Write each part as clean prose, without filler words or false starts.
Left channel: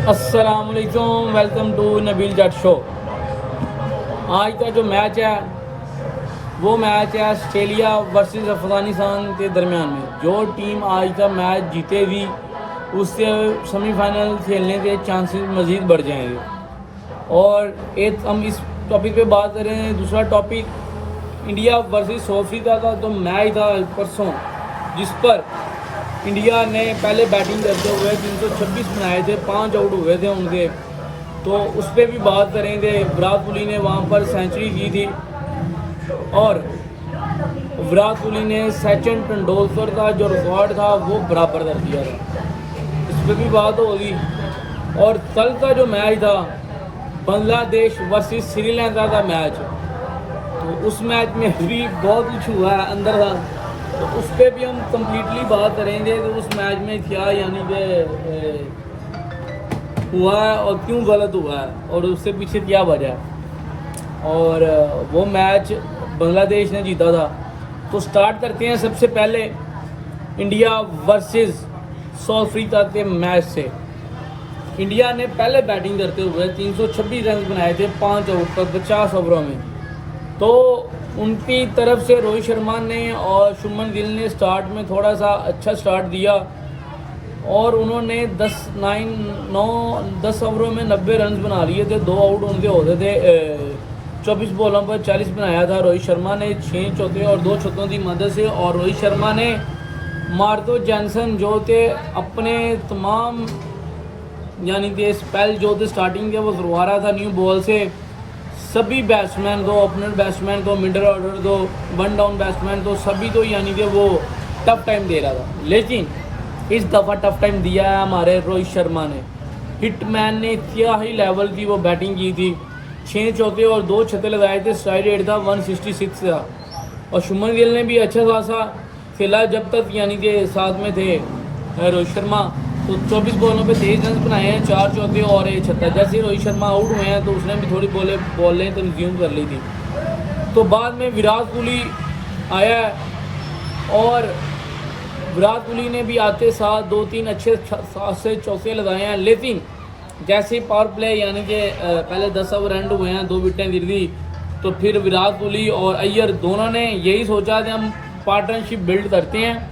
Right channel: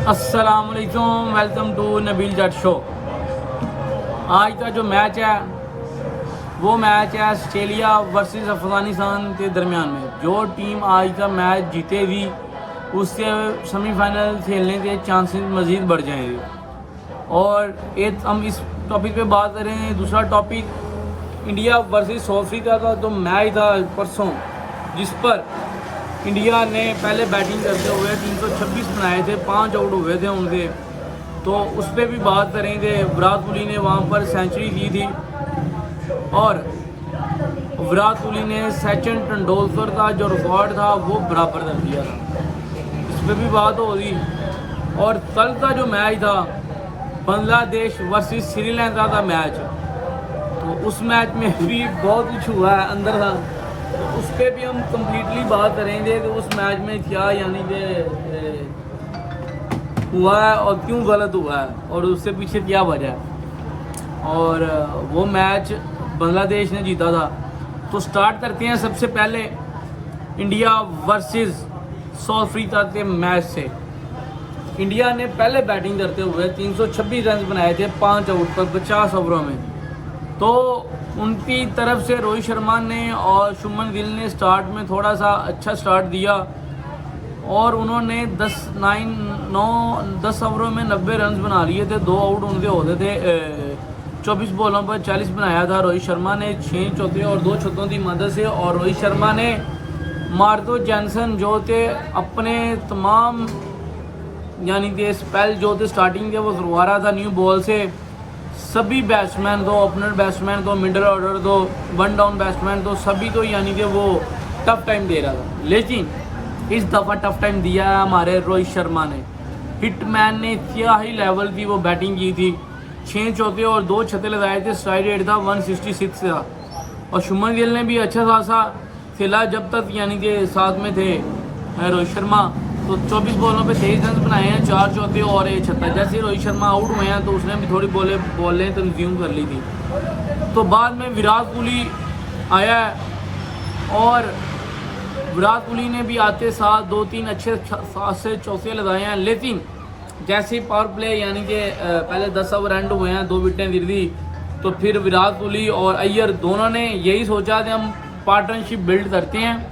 अस्सलामुअलैकुम, welcome to Nabeel Jatt show. आज का जो मैच है वो मैच है ऑस्ट्रेलिया वर्सेस अफगानिस्तान के दरमियान में। जो टीम आज का मैच जीतेगी उससे सेमीफाइनल खेलने के चांसेस मज़ीद बढ़ जाएंगे। और एक हम इस टॉपिक पे बात करें। दूसरा topic India versus south Africa का जो मैच था परसों, जिस पर इंडिया ने पहले बैटिंग करते हुए 326 बनाए थे, 5 आउट हुए थे उनके, तो उस पर भी बात करेंगे। विराट कोहली ने वहाँ पर सेंचुरी की थी और विराट कोहली ने सचिन तेंदुलकर का जो रिकॉर्ड था वो बराबर कर दिया था, इस पर भी बात होगी। और कल का जो मैच था बांग्लादेश वर्सेस श्रीलंका का मैच, तो उस मैच में भी बहुत कुछ हुआ है अंदर था, तो उस पर भी हम कम्प्लीटली बात करेंगे कि उस मैच में क्या यानी कि हुआ है और क्यों गलत हुआ है और उससे पीछे क्या वजह है। और वो मैच बांग्लादेश ने जीता था। तो स्टार्ट करते हैं सबसे पहले इंडिया वर्सेस साउथ अफ्रीका के मैच से। इंडिया ने पहले बैटिंग करते हुए 326 रन बनाए थे 5 आउट पर 50 ओवरों में। तो उनकी तरफ से रोहित शर्मा ने और शुभमन गिल ने स्टार्ट में थोड़ा सा अच्छा स्टार्ट दिया और उन्होंने 10 ओवरों में 90 रन बना लिए थे। 2 आउट उनके होते थे। 24 बॉलों पर 40 बनाया था रोहित शर्मा ने 6 चौके और 2 छक्कों की मदद से। और रोहित शर्मा ने मार्को जॉनसन जो थे अपने तमाम यानी कि स्पेल जो थे स्टार्टिंग के वो करवा रहा था न्यू बॉल से। सभी बैट्समैन तो ओपनर बैट्समैन तो मिडल ऑर्डर तो वन डाउन बैट्समैन तो सभी तो यानी कि वो टफ टाइम दे रहा था, लेकिन इस दफ़ा टफ टाइम दिया है हमारे रोहित शर्मा ने। हिटमैन ने क्या ही लेवल की वो बैटिंग की थी, 6 चौके और 2 छक्के लगाए थे। स्ट्राइक रेट था 166 था। और शुभमन गिल ने भी अच्छा खासा खेला जब तक यानी कि साथ में थे रोहित शर्मा। तो 24 बॉलों पे 23 रन बनाए हैं, 4 चौके और 1 छक्का। जैसे ही रोहित शर्मा आउट हुए हैं तो उसने भी थोड़ी बॉलें कंज्यूम कर ली थी। तो बाद में विराट कोहली आया है और विराट कोहली ने भी आते साथ 2-3 अच्छे से चौके लगाए हैं। लेकिन जैसे ही पावर प्ले यानी कि पहले 10 ओवर एंड हुए हैं, 2 विकेटें गिर दी, तो फिर विराट कोहली और अय्यर दोनों ने यही सोचा कि हम पार्टनरशिप बिल्ड करते हैं,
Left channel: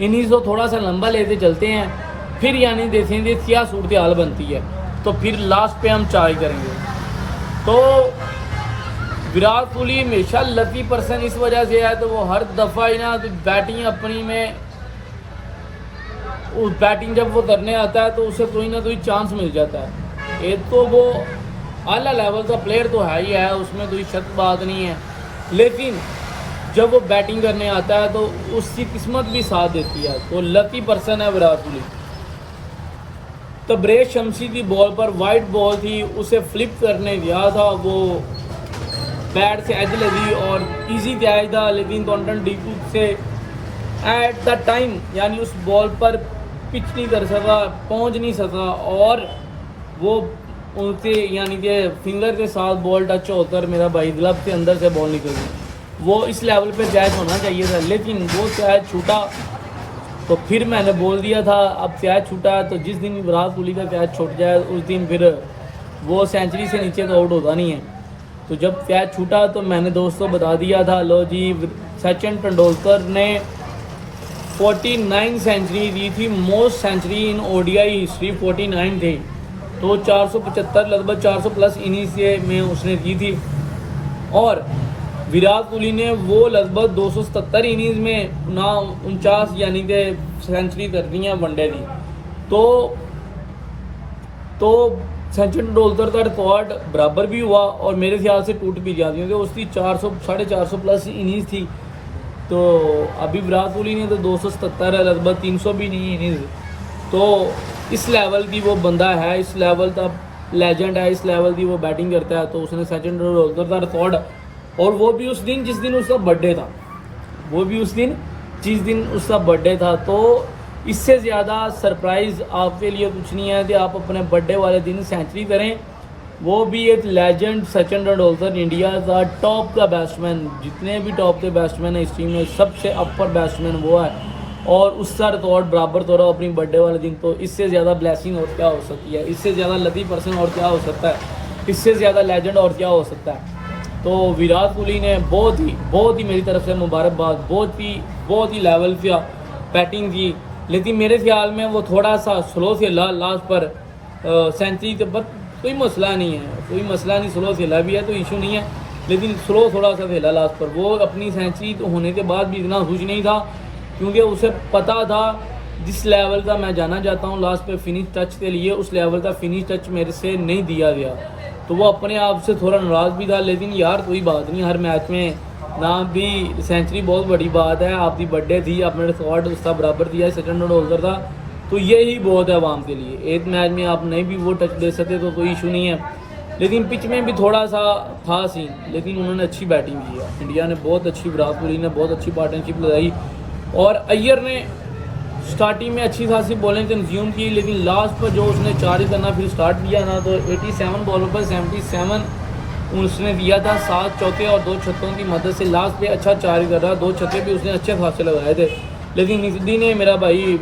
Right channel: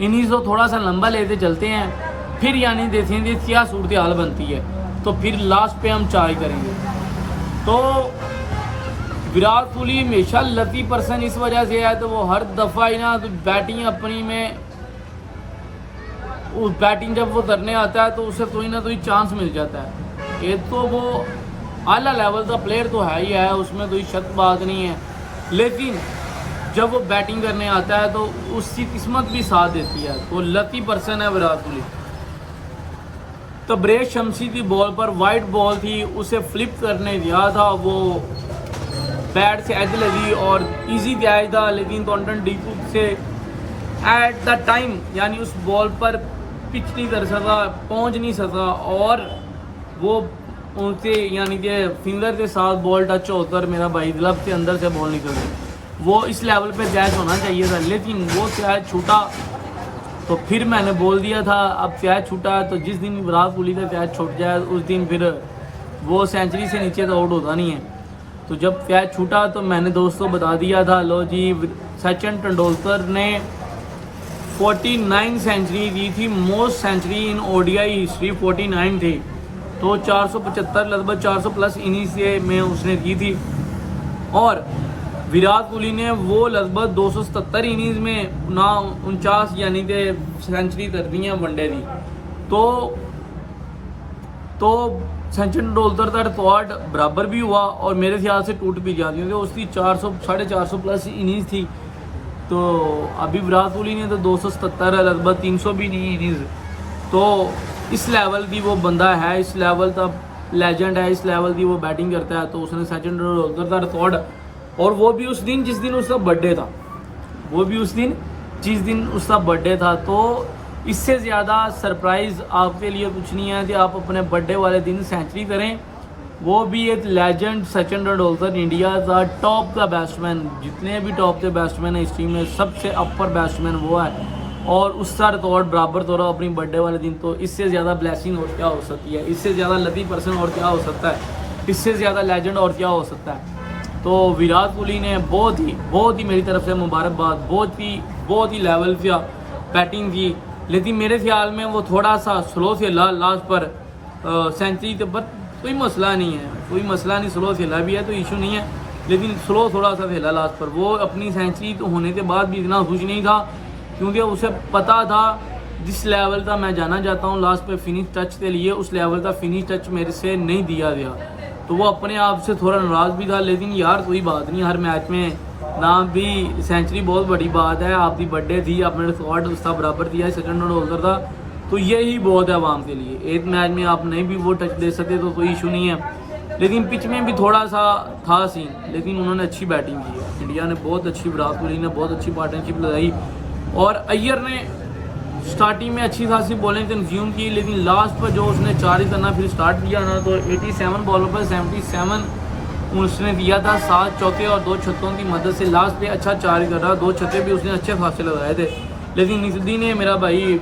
इन्हीं को थोड़ा सा लंबा लेते चलते हैं, फिर यानी देखेंगे क्या सूरत हाल बनती है, तो फिर लास्ट पे हम चार्ज करेंगे। तो विराट कोहली हमेशा लकी पर्सन इस वजह से है, तो वो हर दफ़ा ही ना तो बैटिंग अपनी में उस बैटिंग जब वो करने आता है तो उसे कोई ना कोई चांस मिल जाता है। एक तो वो आला लेवल का प्लेयर तो है ही है, उसमें कोई शक बात नहीं है, लेकिन जब वो बैटिंग करने आता है तो उसकी किस्मत भी साथ देती है। तो लकी पर्सन है विराट कोहली। तो ब्रेश शमसी की बॉल पर वाइट बॉल थी, उसे फ्लिप करने गया था, वो बैट से एज लगी और इजी कैच था, लेकिन क्वांटन डीकूक से एट द टाइम यानी उस बॉल पर पिच नहीं कर सका, पहुंच नहीं सका और वो उनसे यानी कि फिंगर के साथ बॉल टच होकर मेरा भाई ग्लव से अंदर से बॉल निकल गई। वो इस लेवल पे कैच होना चाहिए था, लेकिन वो कैच छूटा। तो फिर मैंने बोल दिया था अब कैच छूटा तो जिस दिन विराट कोहली का कैच छूट जाए उस दिन फिर वो सेंचुरी से नीचे तो आउट होता नहीं है। तो जब कैच छूटा तो मैंने दोस्तों बता दिया था, लो जी सचिन तेंदुलकर ने 49 सेंचुरी दी थी, most century in ODI history 49 थी। तो 475 लगभग 400 प्लस इनिंग्स में उसने दी थी और विराट कोहली ने वो लगभग 277 इनिंग्स में 49 यानी कि सेंचुरी कर दी है वनडे की। तो सचिन तेंदुलकर का रिकॉर्ड बराबर भी हुआ और मेरे ख्याल से टूट भी जाती क्योंकि उसकी 400-450 प्लस इनिंग्स थी। तो अभी विराट कोहली ने तो 277 है, लगभग 300 भी नहीं इनिंग्स। तो इस लेवल की वो बंदा है, इस लेवल का लेजेंड है, इस लेवल की वो बैटिंग करता है। तो उसने सचिन तेंदुलकर का रिकॉर्ड, और वो भी उस दिन जिस दिन उसका बर्थडे था, वो भी उस दिन जिस दिन उसका बर्थडे था। तो इससे ज़्यादा सरप्राइज़ आपके लिए कुछ नहीं है कि आप अपने बर्थडे वाले दिन सेंचुरी करें, वो भी एक लेजेंड सचिन तेंदुलकर, इंडिया का टॉप का बैट्समैन, जितने भी टॉप के बैट्समैन है इस टीम में सबसे अपर बैट्समैन वो है। और उसका रिकॉर्ड बराबर तोड़ा अपनी बर्थडे वाले दिन। तो इससे ज़्यादा ब्लेसिंग और क्या हो सकती है, इससे ज़्यादा लकी पर्सन और क्या हो सकता है, इससे ज़्यादा लेजेंड और क्या हो सकता है। तो विराट कोहली ने बहुत ही मेरी तरफ से मुबारकबाद, बहुत ही लेवल पे बैटिंग की। लेकिन मेरे ख्याल में वो थोड़ा सा स्लो खेला लास्ट पर सेंचुरी पर कोई मसला नहीं है, स्लो खेला भी है तो इशू नहीं है, लेकिन स्लो थोड़ा सा खेला लास्ट पर। वो अपनी सेंचुरी तो होने के बाद भी इतना खुश नहीं था, क्योंकि उसे पता था जिस लेवल का मैं जाना चाहता हूँ लास्ट पे फिनिश टच के लिए, उस लेवल का फिनिश टच मेरे से नहीं दिया गया। तो वो अपने आप से थोड़ा नाराज़ भी था, लेकिन यार कोई बात नहीं, हर मैच में ना भी सेंचुरी बहुत बड़ी बात है। आपकी बर्थडे थी, आपने रिकॉर्ड उसका बराबर दिया, सेकंड होल्डर था, तो यही बहुत है आवाम के लिए। एक मैच में आप नहीं भी वो टच दे सकते तो कोई इशू नहीं है, लेकिन पिच में भी थोड़ा सा था सीन, लेकिन उन्होंने अच्छी बैटिंग की है। इंडिया ने बहुत अच्छी, विराट कोहली ने बहुत अच्छी पार्टनरशिप लगाई और अय्यर ने स्टार्टिंग में अच्छी खासी बॉलिंग कंज्यूम की, लेकिन लास्ट पर जो उसने 4 ही करना फिर स्टार्ट किया ना, तो 87 बॉलों पर 77 उसने दिया था, 7 चौके और 2 छक्कों की मदद से लास्ट पे अच्छा 4 ही कर रहा, 2 छक्के भी उसने अच्छे खासे लगाए थे। लेकिन निकदी ने मेरा भाई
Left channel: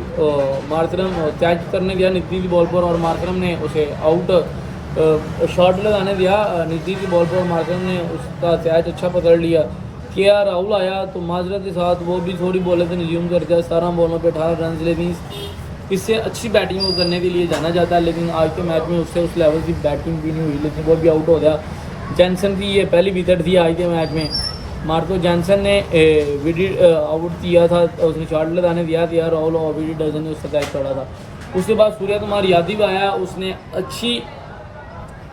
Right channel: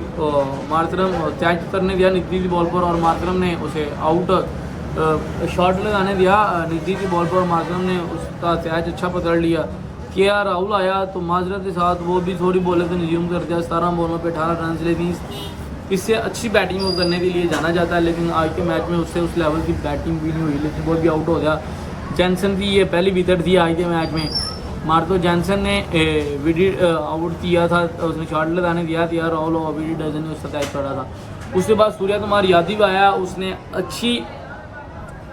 मार्करम कैच करने दिया निकदी की बॉल पर, और मार्करम ने उसे आउट शॉट लगाने दिया निकदी की बॉल पर, और मार्करम ने उसका कैच अच्छा पकड़ लिया। के आर राहुल आया तो माजरत के साथ वो भी थोड़ी बॉलें से रिज्यूम कर दिया, 17 बॉलों पे 18 रन, लेकिन इससे अच्छी बैटिंग वो करने के लिए जाना जाता है। लेकिन आज के मैच में उससे उस लेवल की बैटिंग भी नहीं हुई, लेकिन वो भी आउट हो गया। जैनसन की ये पहली विकेट थी आज के मैच में। मार्को जैनसन ने विकेट आउट किया था, उसने शॉट लगाने दिया था, राहुल और विकेट डजन ने उसका कैच पड़ा था। उसके बाद सूर्य कुमार यादव आया, उसने अच्छी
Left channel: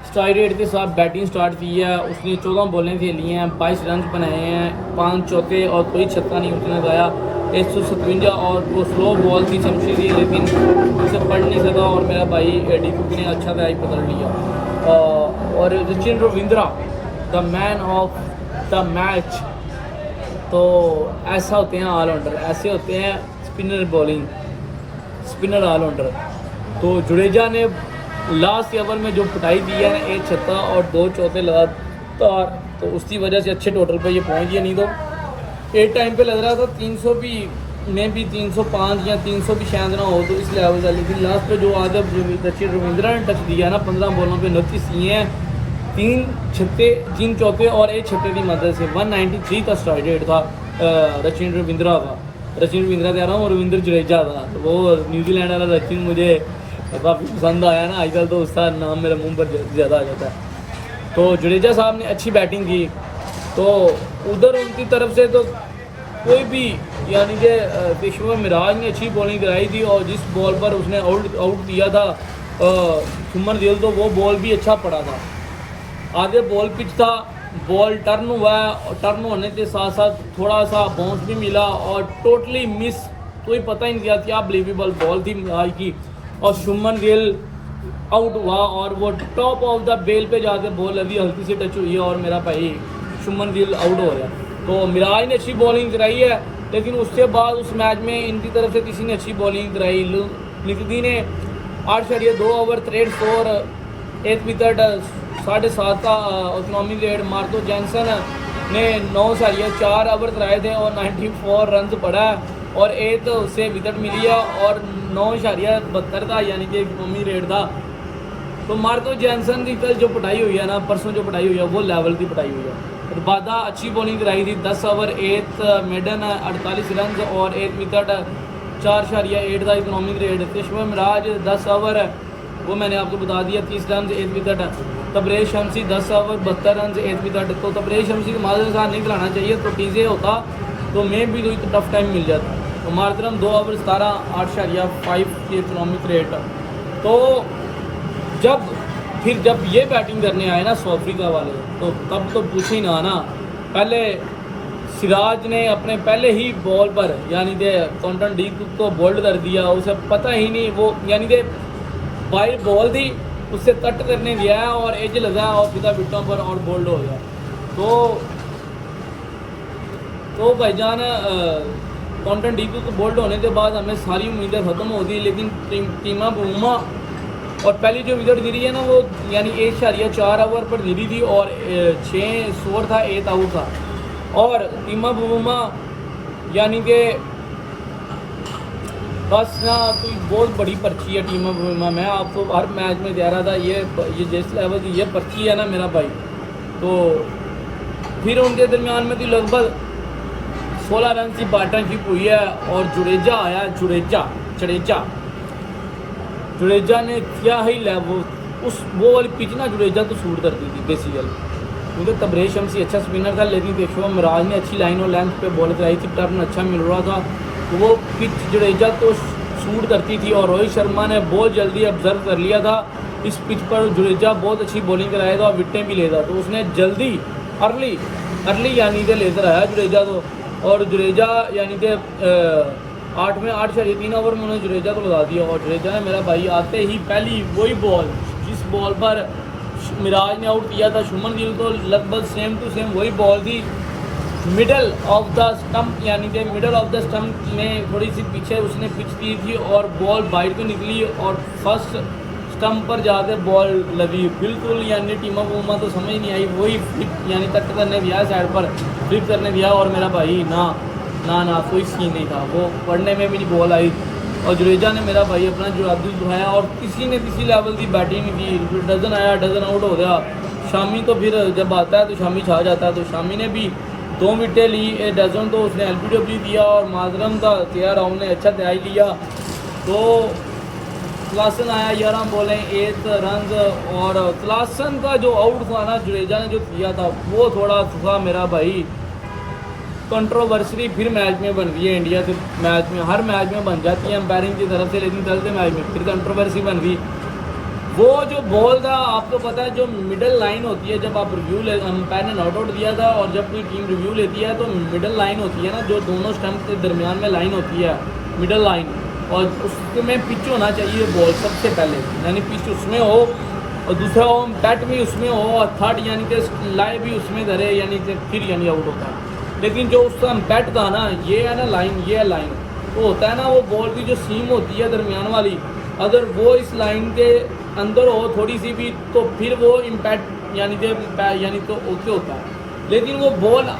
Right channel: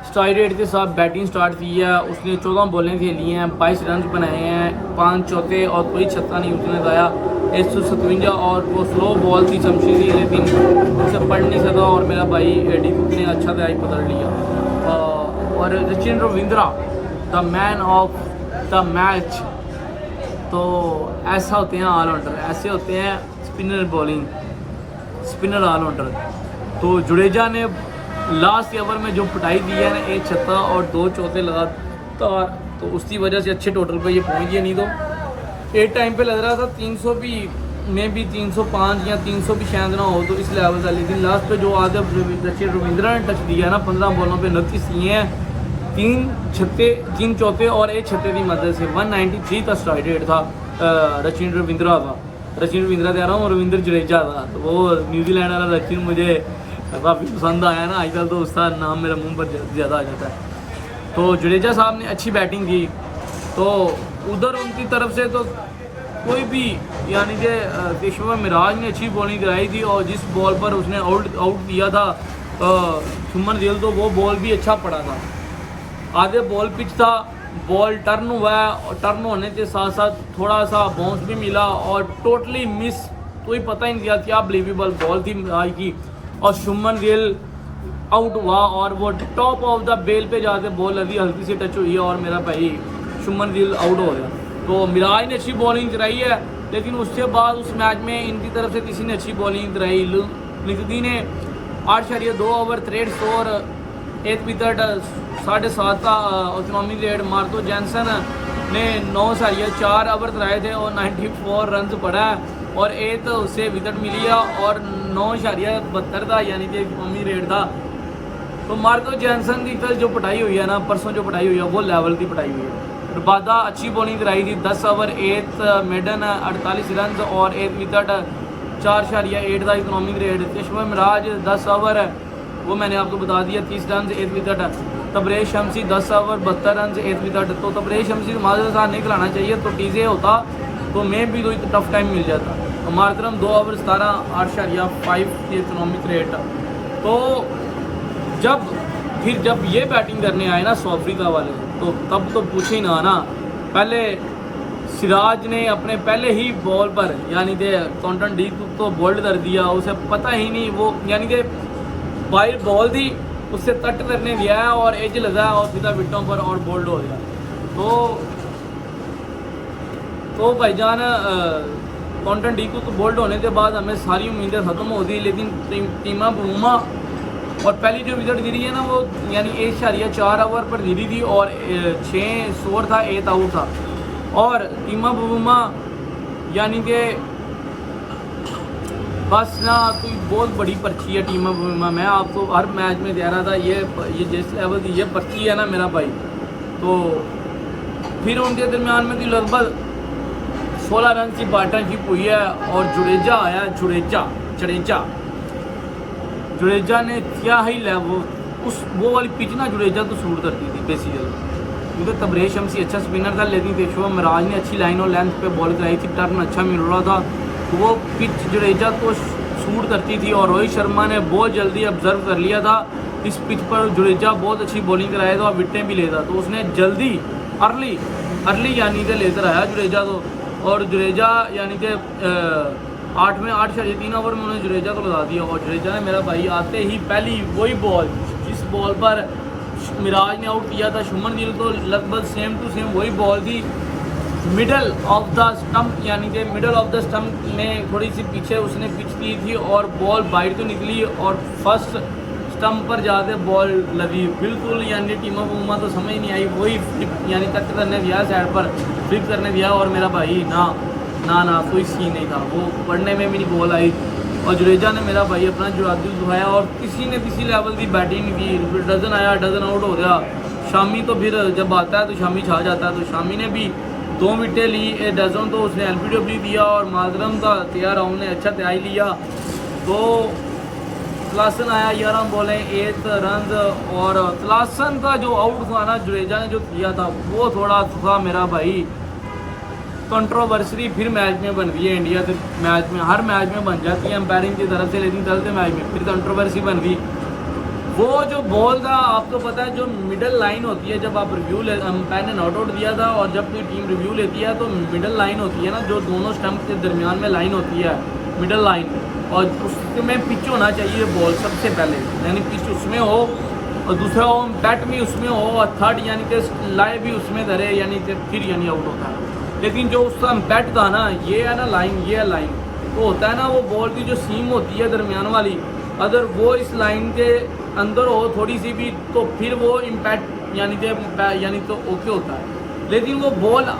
स्ट्राइक रेट के साथ बैटिंग स्टार्ट की है। उसने 14 बॉलें खेली हैं, 22 रन बनाए हैं, 5 चौके और कोई छक्का नहीं उसने लगाया। 157 और वो स्लो बॉल थी शमशी थी, लेकिन उसे पढ़ नहीं सका, और मेरा भाई डीकूक ने अच्छा कैच पकड़ लिया। और Sachin Ravindra the man of the match. तो ऐसा होते हैं ऑलराउंडर, ऐसे होते हैं स्पिनर ऑलराउंडर। तो जडेजा ने लास्ट ओवर में जो पिटाई दी है ना, 1 छक्का और 2 चौके लगातार, तो उसकी वजह से अच्छे टोटल पे ये पहुंच गया। नहीं तो एक टाइम पे लग रहा था 300 भी में भी 305 या 300 भी शायद ना हो, तो इस लेवल का। लेकिन लास्ट पे जो आगे सचिन रविंद्रा ने टच दिया ना, 15 बॉलों पे 29 दिए हैं, 3 चौके और 1 छक्के की मदद से 193 का स्ट्राइक रेट था सचिन रविंद्रा का। सचिन रविंद्रा कह रहा हूँ, रविंद्र जडेजा था। तो वो न्यूजीलैंड वाला सचिन मुझे काफ़ी पसंद आया ना, आजकल तो उसका नाम मेरे मुंह पर ज़्यादा आ जाता है। तो जडेजा साहब ने अच्छी बैटिंग की, तो उधर उनकी तरफ से तो कोई भी, यानी कि पेशवा मिराज ने अच्छी बॉलिंग कराई थी, और जिस बॉल पर उसने आउट किया था सुमन गिल, तो वो बॉल भी अच्छा पड़ा था। आगे बॉल पिच था, बॉल टर्न हुआ है, और टर्न होने के साथ साथ थोड़ा सा बाउंस भी मिला, और टोटली मिस, कोई पता ही नहीं किया क्या बिलीवेबल बॉल थी आज की। और शुभमन गिल आउट हुआ, और वो टॉप ऑफ द बेल पे जाके बॉल अभी हल्की सी टच हुई है, और मेरा भाई शुभमन गिल आउट हो गया। तो मिराज ने अच्छी बॉलिंग कराई है, लेकिन उसके बाद उस मैच में इनकी तरफ से किसी ने अच्छी बॉलिंग कराई। निकदी ने 8.2 ओवर 63 स्कोर, 1 विकेट, 7.5 का इकोनॉमिक रेट। मार्को जैनसन ने 9.4 ओवर कराए थे और 94 रन पड़ा है, और 1 उससे विकेट मिली है, और 9.72 था, यानी कि इकोनॉमिक रेट था। तो मार्को जैनसन की कल जो पिटाई हुई है ना, परसों जो पिटाई हुई है, वो लेवल की पिटाई हुई है। रबादा अच्छी बॉलिंग कराई थी, 10 ओवर 1 मेडन 48 रन और 1 विकेट, 4.8 था इकोनॉमिक रेट। पेशवा मिराज 10 ओवर, वो मैंने आपको बता दिया, 30 run 1 wicket. Tabraiz Shamsi 10 over 72 run 1 wicket. तो तबरेज शमसी को माजर साहब नहीं खिलाना चाहिए, तो टीजे होता तो मैं भी कोई टफ टाइम मिल जाता। मारतरम 2 ओवर 17 8.5 की इकोनॉमिक रेट। तो जब ये बैटिंग करने आए ना साउथ अफ्रीका वाले, तो तब तो पूछे ही ना। पहले सिराज ने अपने पहले ही बॉल पर, यानी कि कॉन्टन डी तो बोल्ड कर दिया, उसे पता ही नहीं, वो यानी कि वाइड बॉल थी, उससे तट करने गया है और एज लगा और सीधा विटों पर और बोल्ड हो गया। तो भाईजान कॉन्टन डी तो बोल्ड होने के बाद हमें सारी उम्मीदें ख़त्म हो गई, लेकिन टीमा बुमा और पहली जो विकेट गिरी है ना, वो यानी 1.4 ओवर पर गिरी थी, और 6 स्कोर था, 1 आउट था। और टीमा बुमा यानी कि बस ना तो बहुत बड़ी पर्ची है टीम में। मैं आपको हर मैच में कह रहा था ये जिस लेवल की ये पर्ची है ना मेरा भाई, तो फिर उनके दरमियान में तो लगभग 16 रन की पार्टनरशिप हुई है और जुडेजा आया। जुडेजा ने क्या ही लेवल उस वो वाली पिच ना जुडेजा तो सूट करती थी बेसिकली, क्योंकि तबरेज शम्सी अच्छा स्पिनर था, लेकिन पेशवा मिराज ने अच्छी लाइन और लेंथ पे बॉल कराई थी, टर्न अच्छा मिल रहा था, तो वो पिच जुडेजा तो शूट करती थी। और रोहित शर्मा ने बहुत जल्दी ऑब्जर्व कर लिया था इस पिच पर जुडेजा बहुत अच्छी बॉलिंग कराया था और विकेटें भी लेता, तो उसने जल्दी अर्ली यानी कि लेकर आया जुडेजा को। और जुडेजा यानी कि 8.3 ओवर में उन्होंने जुडेजा को लगा दिया। और जुडेजा ने मेरा भाई आते ही पहली वही बॉल जिस बॉल पर मिराज ने आउट किया था शुमन गिल, तो लगभग सेम टू सेम वही बॉल थी मिडल ऑफ द स्टंप, यानी कि मिडल ऑफ द स्टंप में थोड़ी सी पीछे उसने पिच की थी और बॉल बाइट को निकली और फर्स्ट स्टंप पर जाके बॉल लगी बिल्कुल, यानी टीमा को तो समझ नहीं आई, वही फ्लिप यानी कट करने दिया, साइड पर फ्लिप करने दिया और मेरा भाई ना कोई सीन नहीं था, वो पढ़ने में भी नहीं बॉल आई। और जुडेजा ने मेरा भाई अपना जुरादिल दुहाया और किसी ने किसी लेवल की बैटिंग नहीं की, फिर डजन आया, डजन आउट हो गया। शामी तो फिर जब आता है तो शामी छा जाता है, तो शामी ने भी 2 विकेटें ली, डजन तो उसने LBW दिया और माजरम का तैयार राउंड ने अच्छा तैयारी लिया। तो तलासन आया 11 बॉलें 8 रन, और तलासन का जो आउट था ना जुडेजा ने जो किया था वो थोड़ा था मेरा भाई कंट्रोवर्सी फिर मैच में बन गई है। इंडिया से मैच में हर मैच में बन जाती है अंपायरिंग की तरफ से, लेकिन कल से मैच में फिर कंट्रोवर्सी बन गई। वो जो बॉल था आपको पता है जो मिडल लाइन होती है, जब आप रिव्यू अंपायर ने नॉट आउट दिया था और जब कोई टीम रिव्यू लेती है तो मिडल लाइन होती है ना, जो दोनों स्टंप के दरमियान में लाइन होती है मिडल लाइन, और उसमें पिच होना चाहिए बॉल सबसे पहले, यानी पिच उसमें हो और दूसरा वो बैट भी उसमें हो और थर्ड यानी कि लाए भी उसमें धरे, यानी कि फिर यानी आउट होता है। लेकिन जो उसका बैट था ना ये है ना लाइन, ये है लाइन, तो होता है ना वो बॉल की जो सीम होती है दरमियान वाली, अगर वो इस लाइन के अंदर हो थोड़ी सी भी तो फिर वो इम्पैक्ट यानी तो ओके होता है। लेकिन वो बॉल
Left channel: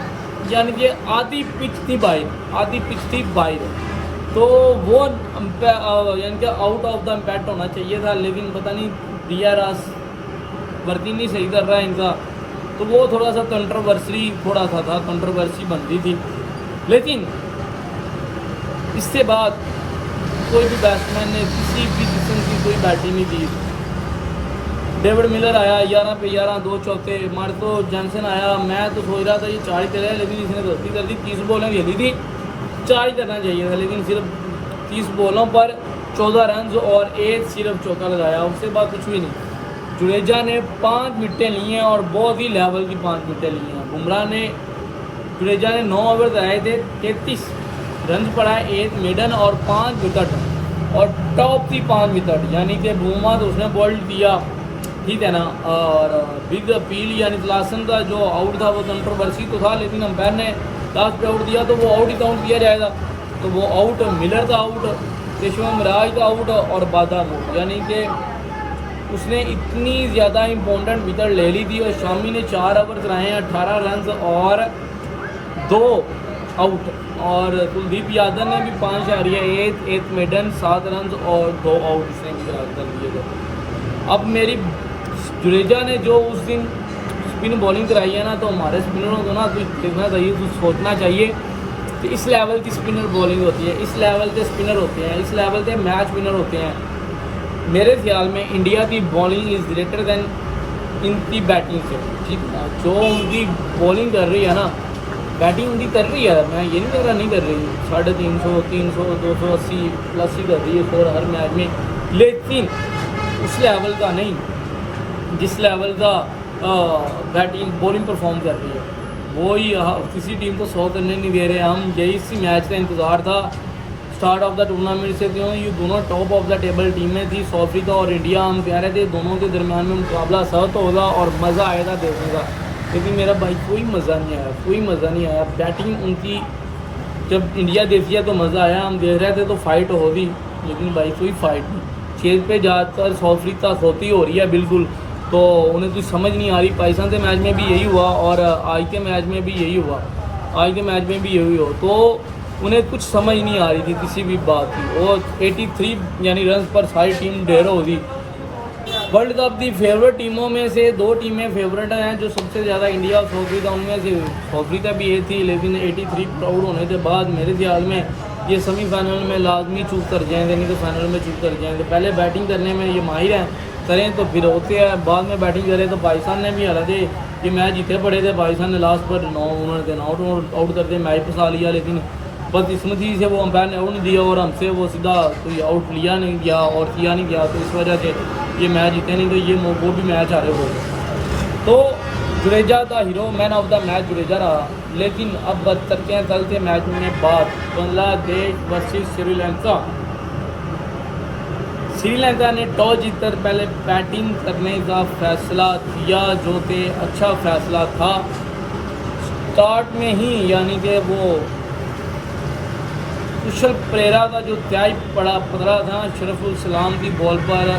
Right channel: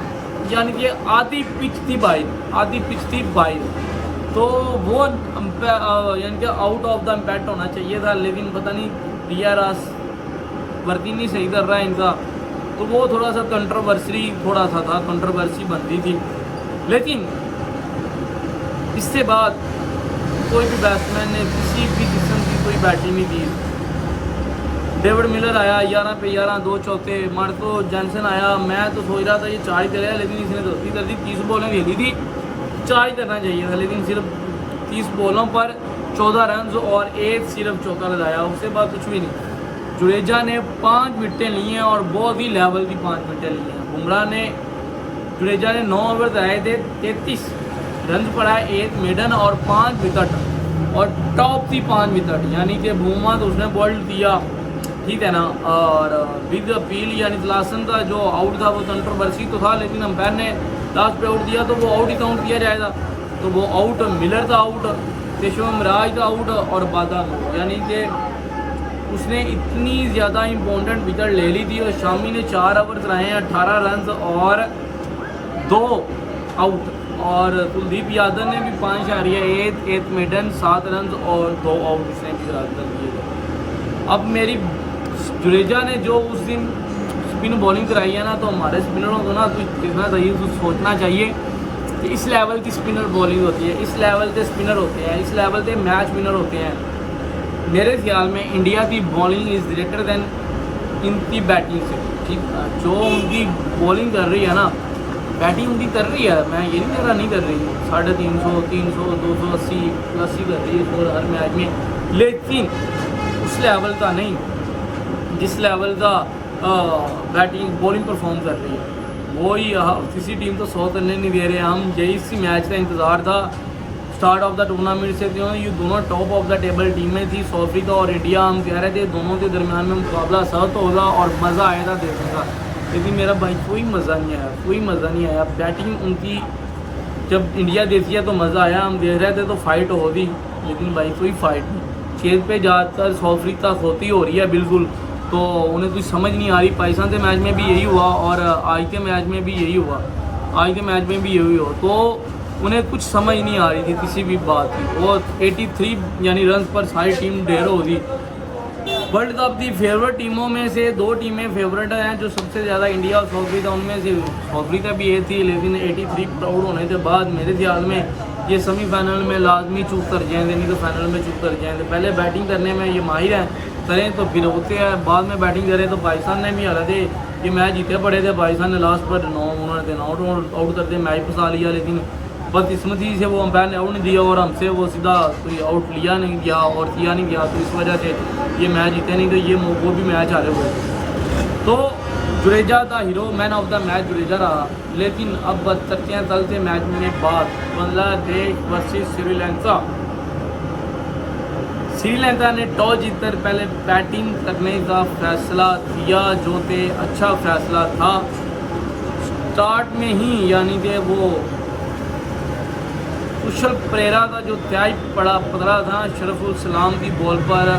यानी कि आधी पिच थी बाहर, तो वो यानी कि आउट ऑफ द इम्पैक्ट होना चाहिए था, लेकिन पता नहीं DRS वर्किंग नहीं सही कर रहा है इनका, तो वो थोड़ा सा कंट्रोवर्सी बन रही थी। लेकिन इससे बाद कोई भी बैट्समैन ने किसी भी किस्म की कोई बैटिंग नहीं दी। डेविड मिलर आया 11 पे 11 2 चौके, मार्को जॉनसन आया, मैं तो सोच रहा था ये 4 ही करेगा, लेकिन इसने गलती कर दी, 30 बॉलें खेली थी, 4 ही करना चाहिए था, लेकिन सिर्फ 30 बॉलों पर 14 रन और 1 सिर्फ चौका लगाया, उसके बाद कुछ भी नहीं। जुडेजा ने 5 विकेटें ली हैं और बहुत ही लेवल की 5 विकेटें ली हैं। बुमराह ने जुडेजा ने 9 ओवर कराए थे, 33 रन पड़ा, 1 मेडन और 5 विकेट, और टॉप थी 5 विकेट, यानी कि बुमराह तो उसने बॉल्ड दिया, ठीक है ना। और बिग अपील यानी तलासन का जो आउट था वो कंट्रोवर्सी तो था, लेकिन अंपायर ने लास्ट पे आउट दिया तो वो आउट ही काउंट किया जाएगा, तो वो आउट मिलर का आउट, पेशवा मिराज का आउट और बादाम आउट, यानी कि उसने इतनी ज़्यादा इंपॉर्टेंट विकेट ले ली थी। और शामी ने 4 ओवर कराए हैं, 18 रन और 2 आउट, और कुलदीप यादव ने भी 5 शारिया 1 मेडन 7 रन और 2 आउट उसने भी कर दिए थे। अब मेरी जुडेजा ने जो उस दिन स्पिन बॉलिंग कराई है ना, तो हमारे स्पिनरों को ना कुछ देखना चाहिए, कुछ सोचना चाहिए कि इस लेवल की स्पिनर बॉलिंग होती है, इस लेवल के स्पिनर होते हैं, इस लेवल के मैच विनर होते हैं। मेरे ख्याल में इंडिया की बॉलिंग इज़ ग्रेटर दैन इनकी बैटिंग से, ठीक है। जो उनकी बॉलिंग कर रही है ना, बैटिंग उनकी कर रही है, मैं ये नहीं कह रहा नहीं कर रही, 350 300 280 प्लस ही कर रही है स्कोर हर मैच में, लेकिन उस लेवल का नहीं जिस लेवल का बैटिंग बॉलिंग परफॉर्म कर रही है, वो ही किसी टीम को 100 करने नहीं दे रहे हम। यही इसी मैच का इंतज़ार था स्टार्ट ऑफ द टूर्नामेंट से, क्यों ये दोनों टॉप ऑफ द टेबल टीमें थी, साउथ अफ्रीका और इंडिया। हम कह रहे थे दोनों के दरमियान में मुकाबला सख्त होगा और मज़ा आएगा देखने का, लेकिन मेरा भाई कोई मज़ा नहीं आया। बैटिंग उनकी जब इंडिया देती है तो मज़ा आया, हम देख रहे थे तो फाइट होगी, लेकिन भाई कोई फाइट नहीं। चेज पे जाकर साउथ अफ्रीका खोती हो रही है बिल्कुल, तो उन्हें कुछ समझ नहीं आ रही। पाकिस्तान के मैच में भी यही हुआ और आज के मैच में भी यही हुआ, तो उन्हें कुछ समझ नहीं आ रही थी किसी भी बात की। और 83 यानी रन पर सारी टीम ढेर हो गई। वर्ल्ड कप की फेवरेट टीमों में से 2 टीमें फेवरेट हैं जो सबसे ज़्यादा इंडिया और साउथ अफ्रीका, उनमें से साउथ अफ्रीका भी ये थी। लेकिन 83 प्राउड होने के बाद मेरे ख्याल में ये सेमीफाइनल में लाजमी चूक कर जाएंगे, नहीं तो फाइनल में चूक कर जाएंगे। पहले बैटिंग करने में ये माहिर हैं, करें तो फिर होते हैं, बाद में बैटिंग करें तो पाकिस्तान ने भी हालांकि ये मैच जीते पड़े थे। पाकिस्तान ने लास्ट पर 9 उन्होंने आउट करते मैच फंसा लिया, लेकिन बदकिस्मती से वो अंपायर ने आउट नहीं दिया और हमसे वो सीधा कोई आउट लिया नहीं गया और किया नहीं गया, तो इस वजह से ये मैच जीते, नहीं तो ये वो भी मैच हारे हुए। तो जुडेजा था हीरो, man of the match Jadeja रहा। लेकिन अब करते हैं चलते मैच में बात बांग्लादेश वर्सेस श्रीलंका। श्रीलंका ने टॉस जीतकर पहले बैटिंग करने का फैसला किया, जो कि अच्छा फैसला था। स्टार्ट में ही यानी कि वो कुशल परेरा का जो त्याग पकड़ा था शरफुल सलाम की बॉल पर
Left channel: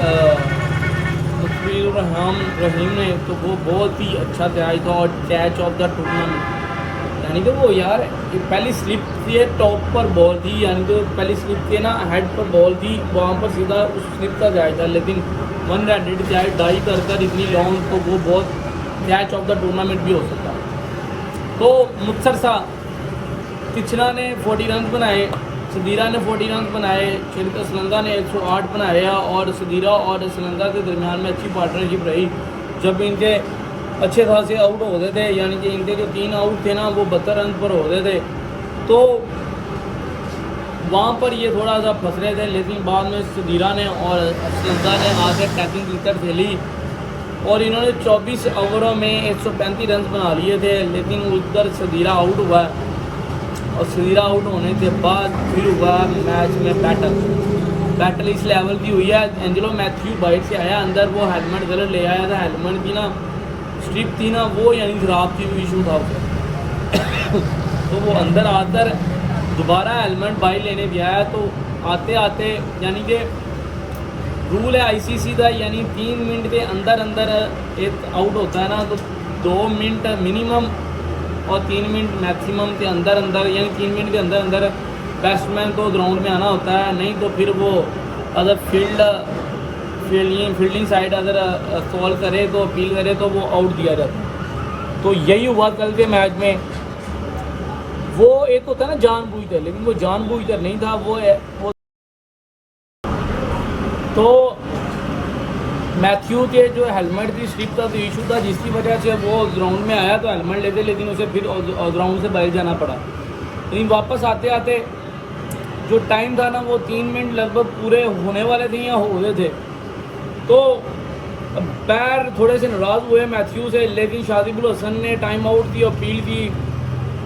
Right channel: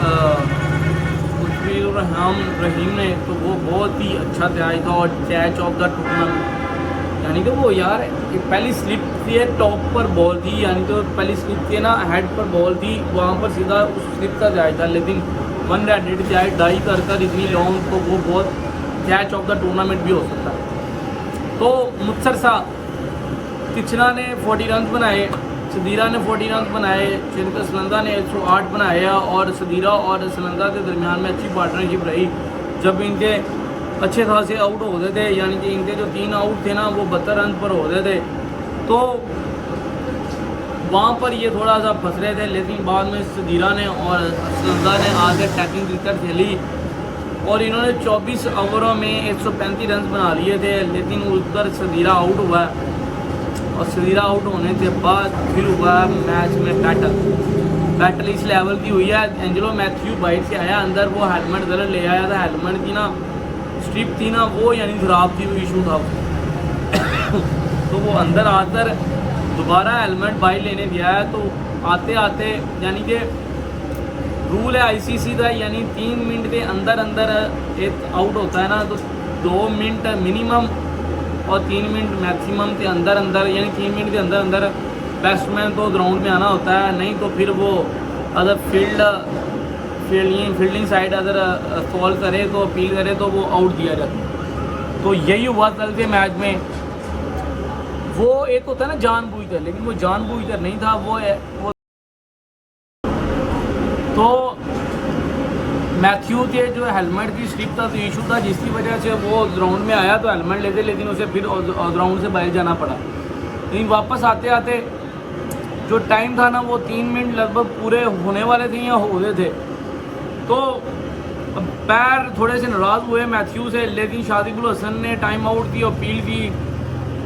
मुस्तफिजुर रहीम ने, तो वो बहुत ही अच्छा त्याग था और कैच ऑफ द टूर्नामेंट। यानी कि वो यार पहली स्लिप से टॉप पर बॉल थी, यानी तो पहली स्लिप के ना हेड पर बॉल थी, वहाँ पर सीधा उस स्लिप का त्याग था। लेकिन 100 त्याग डाई कर इतनी लॉन्ग, तो वो बहुत कैच ऑफ द टूर्नामेंट भी हो सकता है। तो मुत्सर सा किचना ने 40 रन बनाए, सदीरा ने 40 रन बनाए, श्रीलंका ने 108 बनाए और सदीरा और श्रीलंका के दरमियान में अच्छी पार्टनरशिप रही। जब इनके अच्छे खासे आउट होते थे, यानी कि इनके जो 3 आउट थे ना वो 72 रन पर होते थे, तो वहाँ पर ये थोड़ा सा फंस रहे थे। लेकिन बाद में सदीरा ने और श्रीलंका ने आके टैकिंग क्रिकेट खेली और इन्होंने 24 ओवरों में 135 रन बना लिए थे। लेकिन उधर सदीरा आउट हुआ और सदीरा आउट होने के बाद फिर हुआ मैच में बैटल इस लेवल की हुई है। एंजेलो मैथ्यू बाइट से आया अंदर, वो हेलमेट गलत ले आया था, हेलमेट की ना स्ट्रिप थी ना वो यानी खराब थी, वो इशू था तो वो अंदर आकर दोबारा हेलमेट बाइट लेने भी आया। तो आते आते यानी कि रूल है आईसीसी का, यानी 3 मिनट के अंदर एक आउट होता है ना, तो 2 मिनट मिनिमम और 3 मिनट मैक्सिमम के अंदर यानी 3 मिनट के अंदर बैट्समैन तो ग्राउंड में आना होता है, नहीं तो फिर वो अगर फील्डिंग साइड अगर कॉल करे तो अपील करे तो वो आउट दिया जाता है। तो यही हुआ कल के मैच में। वो एक होता है ना जानबूझकर, लेकिन वो जानबूझकर नहीं था, वो तो मैथ्यू के जो हेलमेट की स्ट्रिप था तो इशू था, जिसकी वजह से वो ग्राउंड में आया तो हेलमेट लेते, लेकिन उसे फिर ग्राउंड से बाहर जाना पड़ा। लेकिन वापस आते आते जो टाइम था ना वो 3 मिनट लगभग पूरे होने वाले थे या हो गए थे। तो पैर थोड़े से नाराज़ हुए मैथ्यू से, लेकिन शादिकुल हसन ने टाइम आउट की अपील की